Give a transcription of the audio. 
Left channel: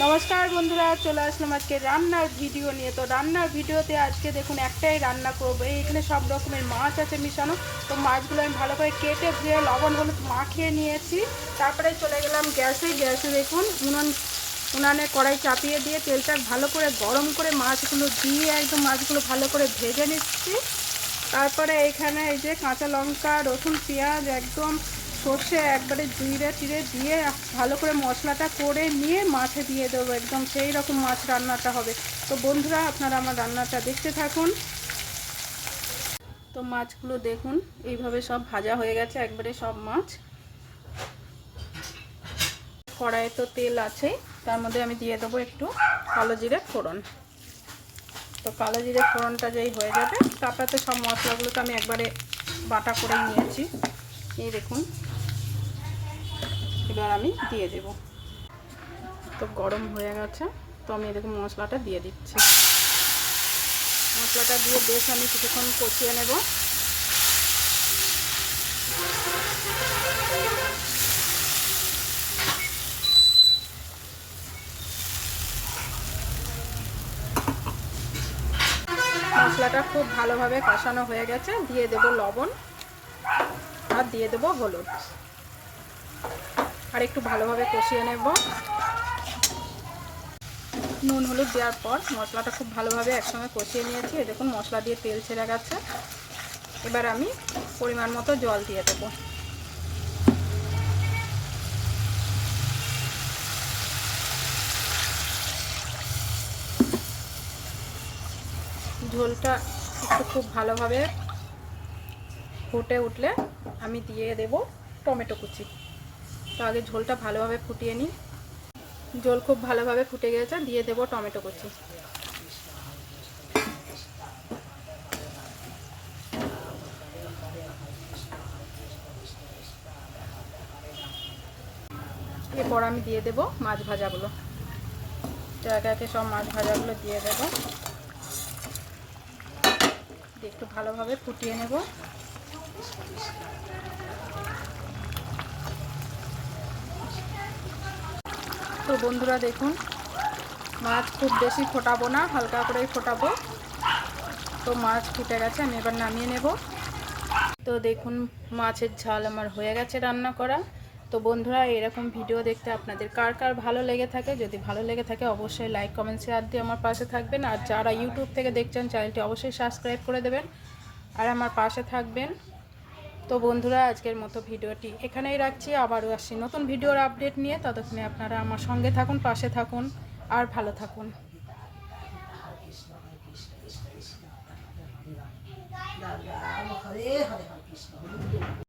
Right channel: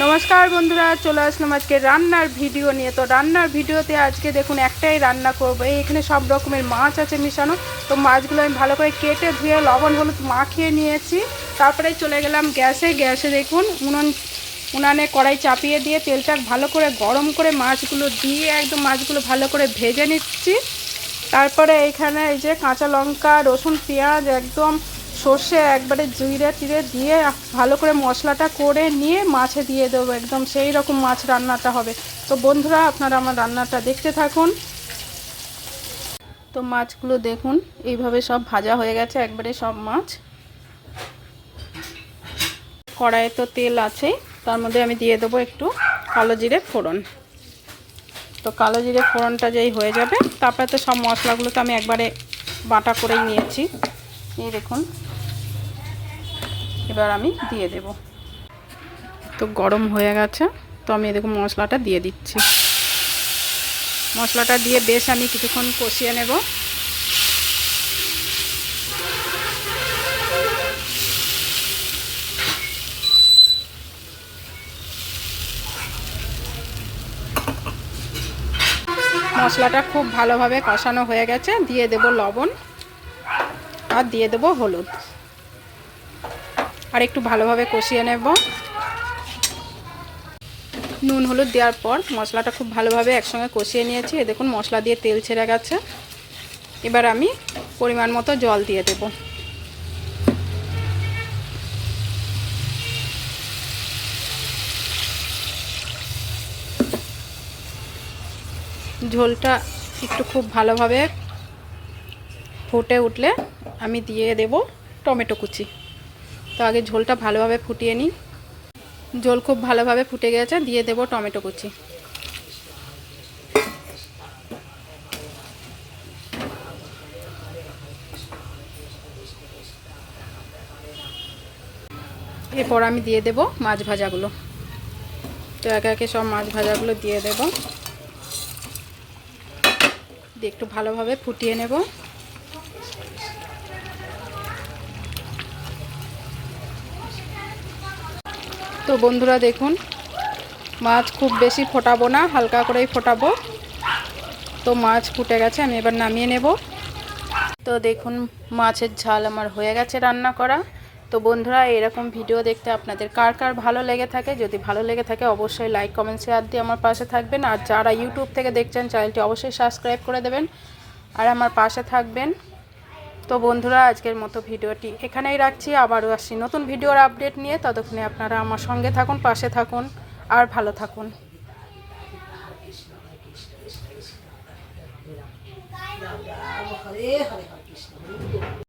नमस्कार बंधुरा चले आसलाम आज के रान्नार भिडियो निये। तो रान्नार भिडियोते आज के देखुन एकटाई रान्ना करब। एखाने सब रकमेर माछ आछे मिशानो। तो माछगुलो आमि भालो करे केटे धुए लबण हलुद माखिए नियेछि। तारपरे चले गेलाम ग्यासे। ग्यासे देखुन उनाने कड़ाई चापिए दिए तेलटा भालो करे गरम करे माछगुलो दिए एकदम माछगुलो भालो करे भेजे निচ্ছি। तारपरे एखाने এই যে কাঁচা লঙ্কা রসুন পেঁয়াজ একদম সর্ষে একবারে জিরে টিরে দিয়ে ভালো করে মশলাটা করে নিয়ে মাছে দিয়ে দেবো। একদম সেই রকম মাছ রান্নাটা হবে। তো বন্ধুরা আপনারা আমার রান্নাটা দেখতে থাকুন। তো মাছগুলো দেখুন এইভাবে সব ভাজা হয়ে গেছে একবারে সব মাছ। কড়াইয়ে তো তেল আছেই, তার মধ্যে আমি দিয়ে দেবো একটু কালো জিরে ফোড়ন। তো কালো জিরে ফোড়নটা যেই হয়ে যাবে তারপরে তো সব মশলাগুলো তো আমি একবারে বাটা করেই নিয়েছি। এই দেখুন এবার আমি দিয়ে দেব। তো গরম হয়ে গেছে, তো আমি দেখুন মশলাটা দিয়ে দিচ্ছি। মশলাটা দিয়ে বেশ আমি কিছুক্ষণ কষিয়ে নেব। মশলাটা খুব ভালোভাবে কষানো হয়ে গেছে, দিয়ে দেব লবণ আর দিয়ে দেব হলুদ আর একটু ভালোভাবে কষিয়ে নেব। নুন হলুদ দেওয়ার পর মশলাটা খুব ভালোভাবে একসঙ্গে কষিয়ে নিয়েছি। এই দেখুন মশলা দিয়ে তেল ছেড়ে গেছে। এবার আমি পরিমাণ মতো জল দিয়ে দেব। ঝোলটা একটু খুব ভালোভাবে ফুটে উঠলে আমি দিয়ে দেব টমেটো কুচি। তো আগে ঝোলটা ভালোভাবে ফুটিয়ে নিই। ঝোল খুব ভালোভাবে ফুটে গেছে, দিয়ে দেব টমেটো কুচি। এরপর আমি দিয়ে দেব মাছ ভাজাগুলো। তো একে একে সব মাছ ভাজাগুলো দিয়ে দেব, দিয়ে একটু ভালোভাবে ফুটিয়ে নেব। তো বন্ধুরা দেখুন মাছ খুব বেশি ফোটাবো না, হালকা করেই ফোটাবো। তো মাছ ফুটে গেছে, আমি এবার নামিয়ে নেব। তো দেখুন মাছের ঝাল আমার হয়ে গেছে রান্না করা। তো বন্ধুরা এরকম ভিডিও দেখতে আপনাদের কার কার ভালো লেগে থাকে, যদি ভালো লেগে থাকে অবশ্যই লাইক কমেন্ট শেয়ার দিয়ে আমার পাশে থাকবেন। আর যারা ইউটিউব থেকে দেখছেন চ্যানেলটি অবশ্যই সাবস্ক্রাইব করে দেবেন আর আমার পাশে থাকবেন। তো বন্ধুরা আজকের মতো ভিডিওটি এখানেই রাখছি। আবারও আসছি নতুন ভিডিওর আপডেট নিয়ে। ততক্ষণে আপনারা আমার সঙ্গে থাকুন, পাশে থাকুন আর ভালো থাকুন।